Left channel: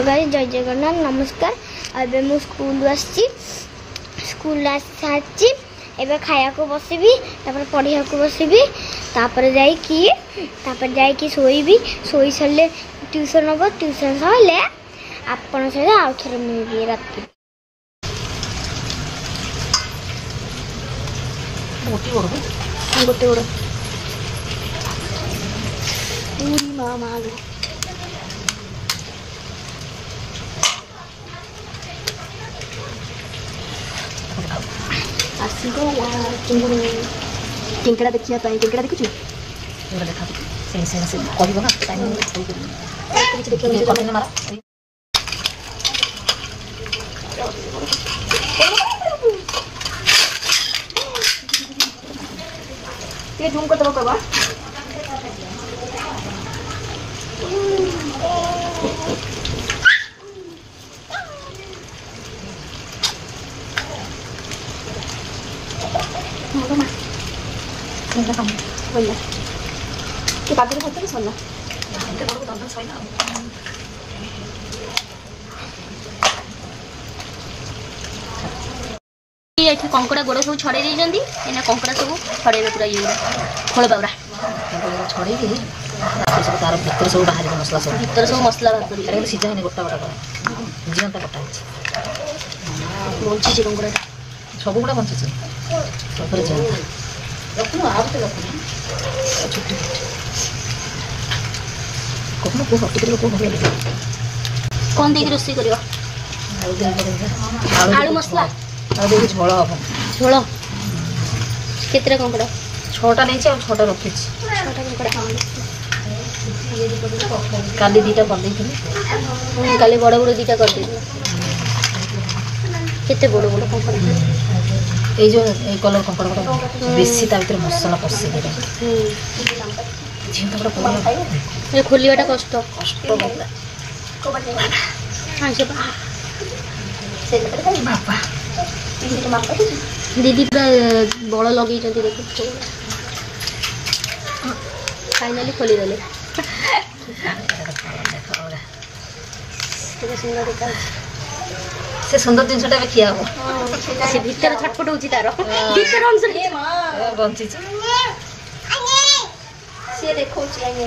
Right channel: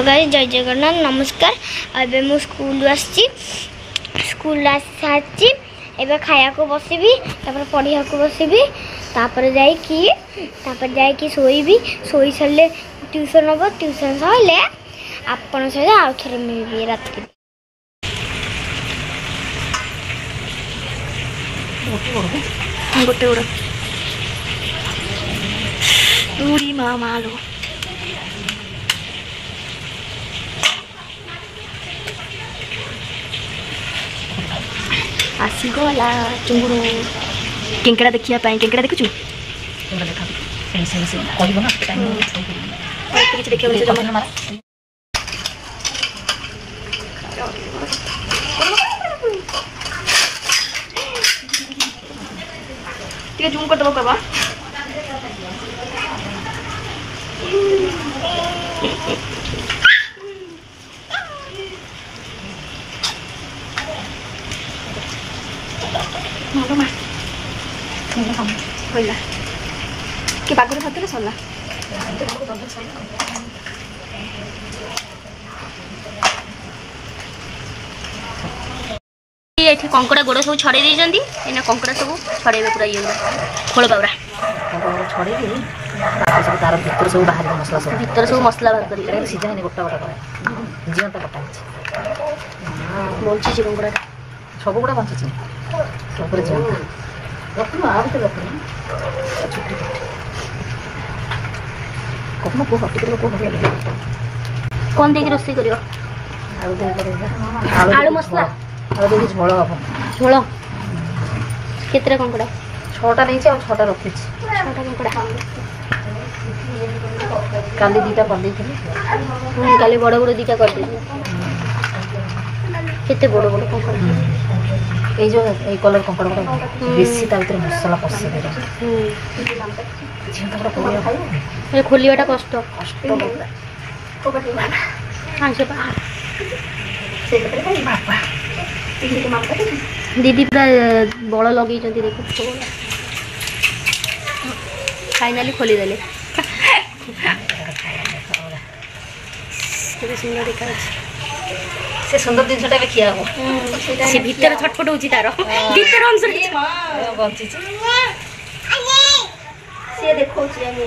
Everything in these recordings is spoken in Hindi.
हेलो गाइस, जय जगन्नाथ, नमस्कार। अबे मु स्कूल आसी सारी एबे खाया को बसबी, तापर पढ़िया को बसबी, तापर जाई सोईबी। सोई सरले ट्यूशन हम, ट्यूशन सरले आपण सहित आउ थरे मिलबी रात के। गोटे गोड़ दूरी मामा लो आसीगला चुंगुड़ केंकड़ा देखिया पाई। केंकड़ा देखुछु जूम कर दबो कहबा। के बागुरे भात सरला ये कंकड़ा गोड़ सब छड़े देइजंती। एना कंकड़ा सब छड़ेबे पूरा ये खोल बाबरा छड़े दे सब तार भीतर सब बाहर मसला सब भीतर सब मसला बाहर करी सीधा नहीं गोटा गोटा करे जीवंत गोटा बंची जे कंकड़ा सब गुड़ा बंची ऊपर जीवंत रखनु आ भीतर रखनु छुट्टी कोन को हट को भले कोन देके रोसी करियो। आलू मसला आलू देके झोल हम झोल केतरा कंकड़ा 6टा नहीं छे 6टा रखी 6टा कंकड़ा काली दीटा कर देथिले काली बड़ बड़ दीटा कर देथिले। केते बड़ बड़ कंकड़ा ए जो ए कलर कंकड़ा बेसी ता भीतर मसला पसे दे जीवन का कोन खाइयो ए खोलियाटा कष्ट बोला को बटे हां से बापा दीदी पूरा बड़ लगे देखो फाइनाली खोली देले। सुंदर देखा से सुंदर जिनसटा भी खिया हो से भीतर छटपट होची तार भीतर अंश बंची से देखो छी आगे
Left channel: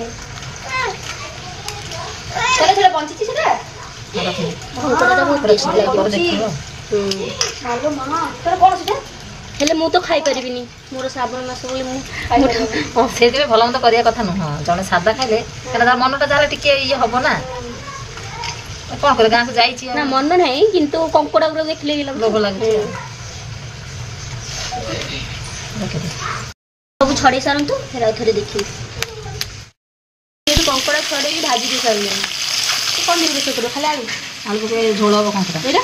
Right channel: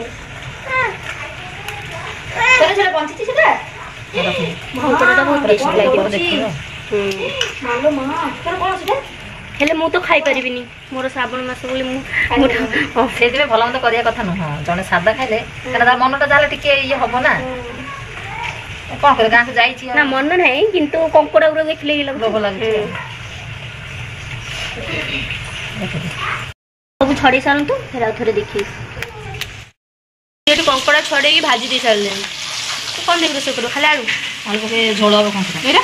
चले चले बंची छी सेटा भंकड़ाटा बहुत टेस्ट लागे देखियो मालो मां तोर कोन सेटा हेले मु तो खाई परिबिनी मोर श्रावण मास बोली मु से जे भला मत करिया कथा न हां जने सादा खाइले कना तार मनटा जाले टिके ये हबो ना कोन करे गां से जाई छी ना मन नहीं किंतु कंकड़ा गुरो देखले ही लोभ लागे सब छड़े सारंतु फेर आउ थरे देखी ये कंकड़ा छड़े की भाजी दे सारले कोन देख रोसे करो खाली आलू आलू के झोल अब कंकड़ा एरा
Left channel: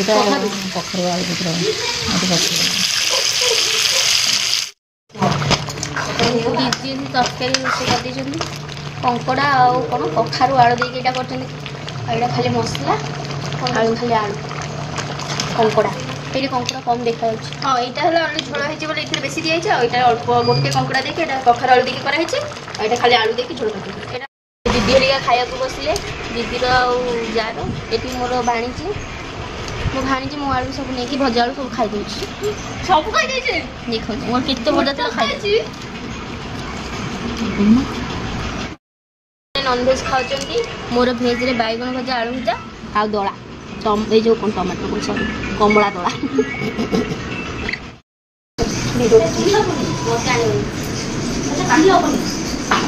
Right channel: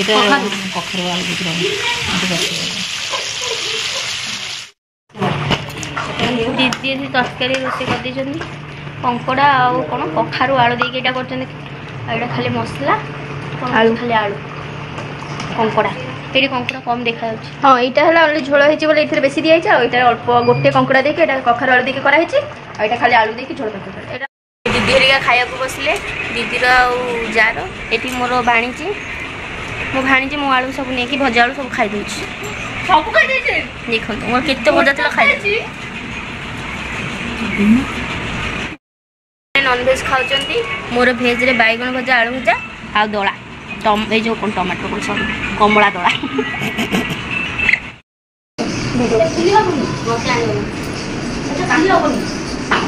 एटा कखरो आलू बितरा दीदी तरकारी रोसे कर देछंदी कंकड़ा आ कोन कखारु आलू देके एटा करछंदी एटा खाली मसला आलू खाली आलू कंकड़ा एटी कंकड़ा कम देखा जाउछ। हां एटा हला आलू झोल हेछि बोले इथरे बेसी दिया छै आ एटा अल्प गोटे कंकड़ा देके एटा कखारु आलू देके करा हेछि आ एटा खाली आलू देके झोल करछ। एटा दीदी हेरिका खाया को बसले दीदी रो जार एटी मोर बाणीची मो भाणी मो आलू सब नहीं भजा आलू सब खाई दूची सब खाई दे छे देखो मोर केते भजा तला खाई दे नॉन वेज खाउचंती मोर भेज रे बैगन भजा आलू भजा आ दळा ए जो कोन टमाटर कोन सॉरी कमला दळा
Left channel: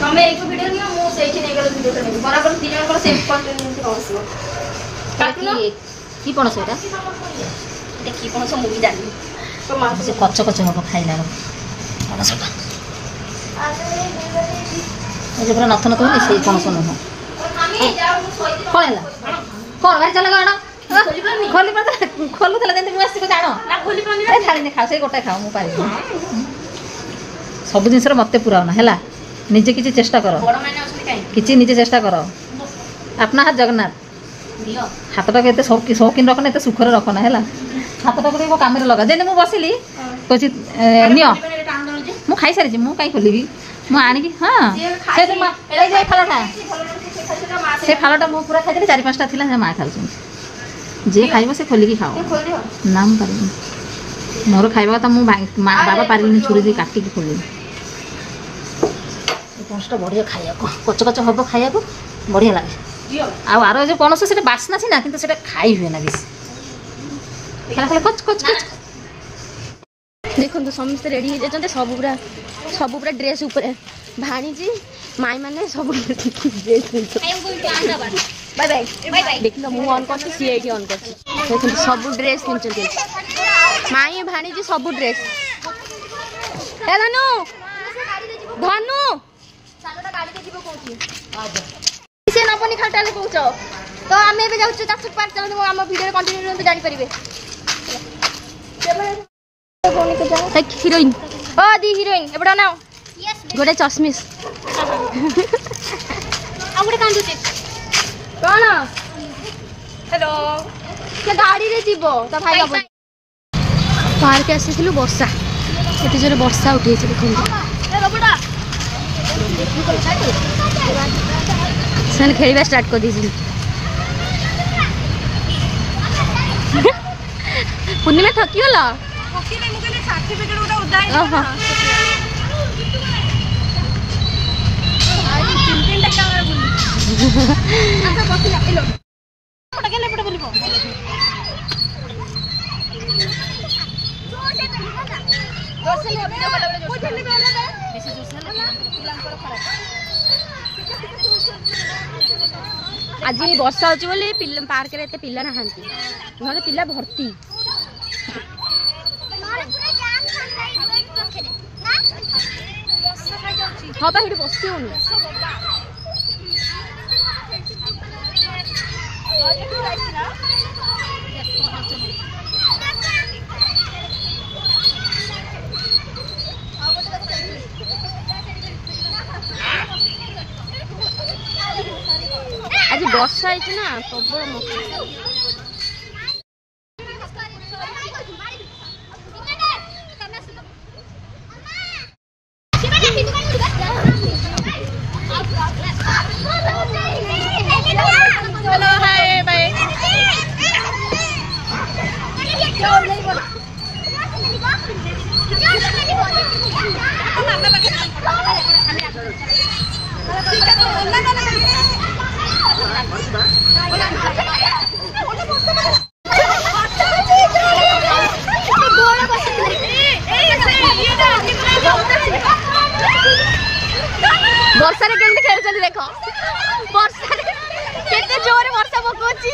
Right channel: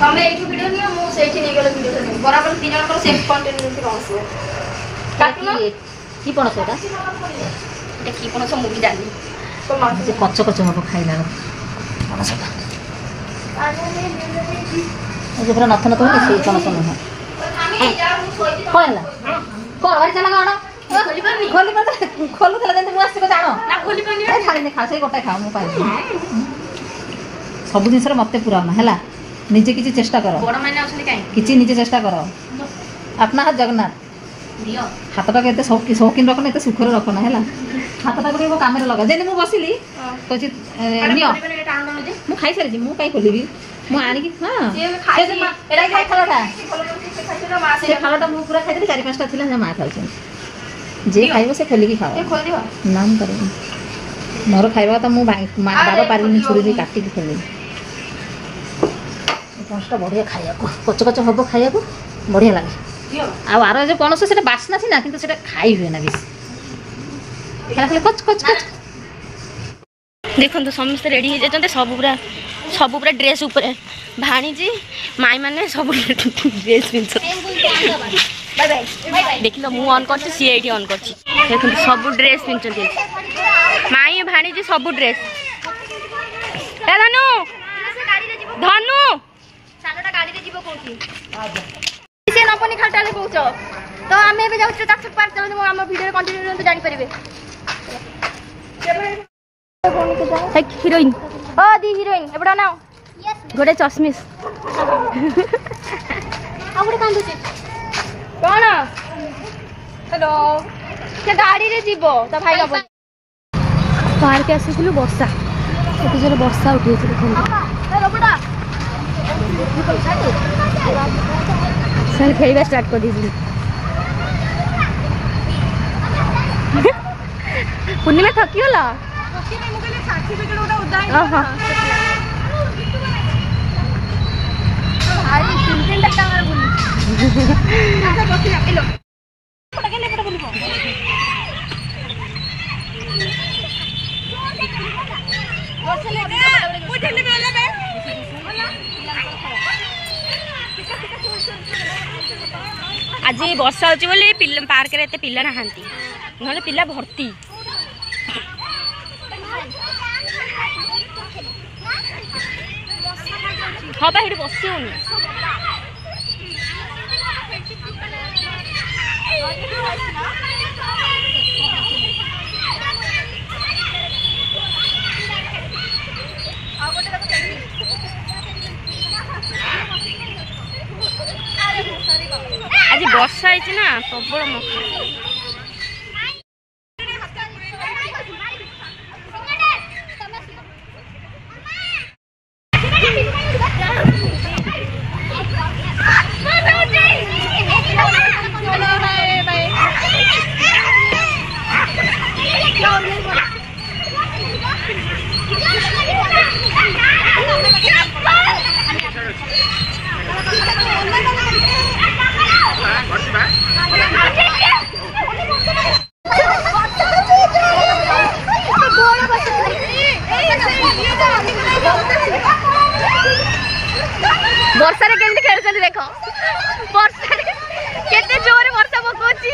तमे एक वीडियो निया मो सेठी नै गलो वीडियो करनी बराबर तीन जन को सेम कंटेंट नहीं बनसो की पणस एटा एटा की पणस मुगी जानी तो मा से कच्च कच्च हो खाइला पणसटा ए जे पूरा नथ नथ होनी से पणस न हो कोला कोन बारी चला गाडा खोली पर खोलु थला देन मु आसी को जानो ना खोली पनी ए थाली ने खाओ से गोटा खाओ मु पाइ सब दिन सर मते पूरा ना हला निजे किछि चेष्टा करो बड़ माने असली काई किछि निजे चेष्टा करो अपना हाथ जगन्नाथ दियो हाथटा के शौकीन रखना एत सुखर रखना है हाथटा को काम लगा जे मुझे बसिली कह नियो मु खाई सारी मु कहीं खोलि ମୁଁ ଆଣିକି ହଁ ସେ ଫାଲଟା ମୁଁ ପୁରା ଖାଇଦେଲି 4-5ଟା ଥିଲା ସେ ମା ଖାଇଛନ୍ତି ଯିଏ ଖାଇବ ସେ ଖୋଲିକି ଖାଅ ନା ମୁଁ କରିବିନି ମୋର ଖାଇବା ତ ମୁଁ ବାବା ପାରିଲିନି ଛୁରୀ ଦେଇ କାଟିକି ଖୋଲିବି ଏ ପଣସଟା ବଢ଼ିଆ ଖାଇବାକୁ କଚ କଚ ହବ ଖାଇବାକୁ ବଢ଼ିଆ ଲାଗେ ଆଉ ଆର ଯେଉଁ ପଣସ ସେଇଟା ବାସ୍ନା ସିନା କିନ୍ତୁ ସେଇଟା ଖାଇ ହୁଏ ନା ବେଶୀ ଖାଲି ଖାଲି କଚ କଚ କଚ ଦେଖନ୍ତୁ ସମସ୍ତେ ରେଡ଼ି ହେଇଯାଇଛନ୍ତି ସବୁ ପୁରା ଡ୍ରେସ୍ ଉପରେ ଭାଣିଜି ମାଇ ମାନେ ସବୁ ଡ୍ରେସ୍ ପିନ୍ଧୁଛନ୍ତି ଦେଖିଲ ମୁଁ ଅନ୍ କରିଛି ସିଏ ଏଇଠି ଅନ୍ କରିଛି ଦେଖନ୍ତୁ ସବୁ ଡ୍ରେସ୍ ପିନ୍ଧୁଛନ୍ତି ମାଇ ଭାଣିଜି ସବୁ ଡ୍ରେସ୍ ଧନୁ ଧନୁ ଗାଡ଼ିରେ ଯିବ କହୁଛି ସେ ନବନି ଖାଲି କହୁଛ ତ ଆମେ ଏବେ ଯାଉଛୁ ଚାଷୁ ପାର୍କ ଚାଲନ୍ତୁ ଆମ ଭିଡ଼ିଓରେ କଣ୍ଟିନ୍ୟୁ କରନ୍ତୁ ଜାଣିପାରିବେ ହିରୋଇନ୍ ଓ ଦି ହିରୋଇନ୍ ଏପଟେ ନା ଗୋଟେ ଚଶମିସ୍ ଆଉ ଗୋଟେ କାନ୍ଦୁଛି କଣ ହ୍ୟାଲୋ ସେ ଗାଡ଼ିରେ ଯିବ ତା ଭାଇ ପାର୍କ ଆସିଥିଲୁ ବର୍ଷା ଏତେ ଜୋରେ ବର୍ଷା ଉଠେଇଛି ଦେଖନ୍ତୁ ସେମାନେ ଖେଳିବା ଷ୍ଟାର୍ଟ କରିଦେଇଛନ୍ତି ପୂର୍ଣ୍ଣିମା ଠକିଗଲ ଓହୋ आज वर्षा होची बोली पार्क रे एते पिला नहांती नहले पिला भर्ती हाँ बा बसी होनी आज वर्षा है ना प्रबल मक्का वर्षा रे केमती खेलुछन देखो वर्षा रे केते जोरे वर्षा पकोची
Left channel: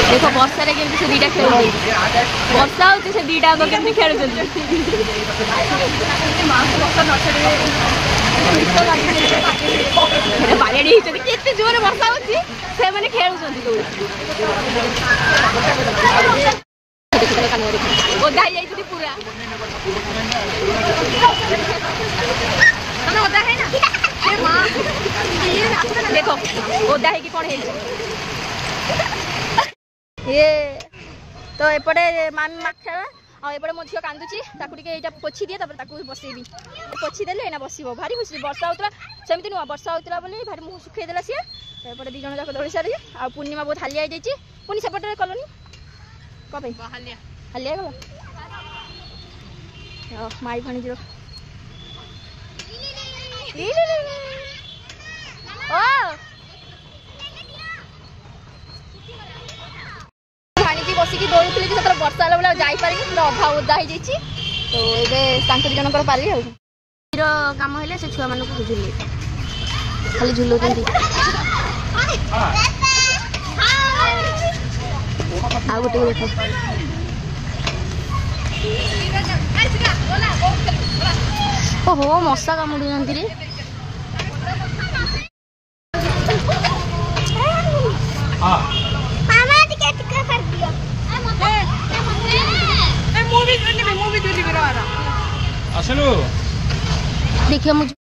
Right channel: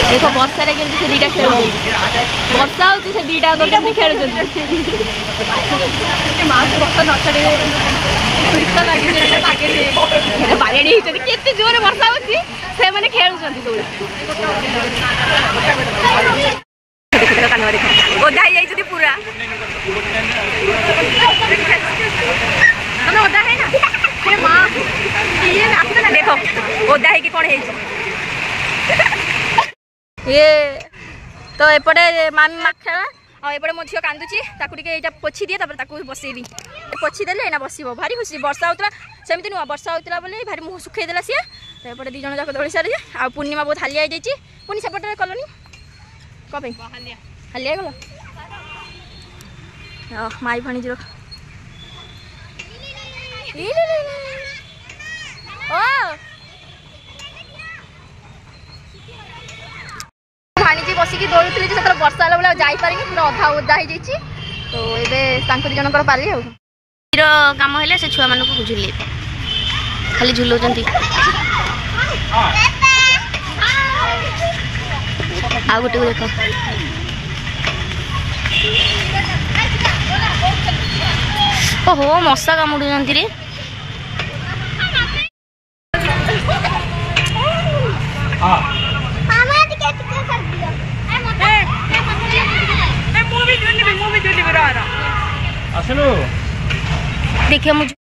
देखो वर्षा रे केमती से दीटा खेलुछन वर्षा होती से दीटा को केमती खेलुछन बाड़ी केते जोरे वर्षा होची से माने खेलुछन दौड़ी ओदा ही पूरा देखो ओदा है कि कौन है ये तो एपटे मामी माँ खेला और एपटे मो झील कांदुची ये पोछी दिए बसैबी पोछी देले ना बस भारी खुशी वर्षा होता सेमती नुह वर्षा होता बोली भारी मुँह सुखई देला सी तो एपटे दी जन जाक दौड़ी सारी आ पूर्णिमा बहुत हालिया हो जाइए पुणी सेपटे कलनी कौन हालिया गल माई भाणीजी भाणीजी बसिकी दौड़ुली जो वर्षा है बेला जापारे पूरा अधा ओदा हो जाइए तो ये दी जनकर पाली काम है से छुआ मानक झुले खाली झुलाऊँ आ गोटे देख ओहो मशा कामुड़ रे देखिए मुझे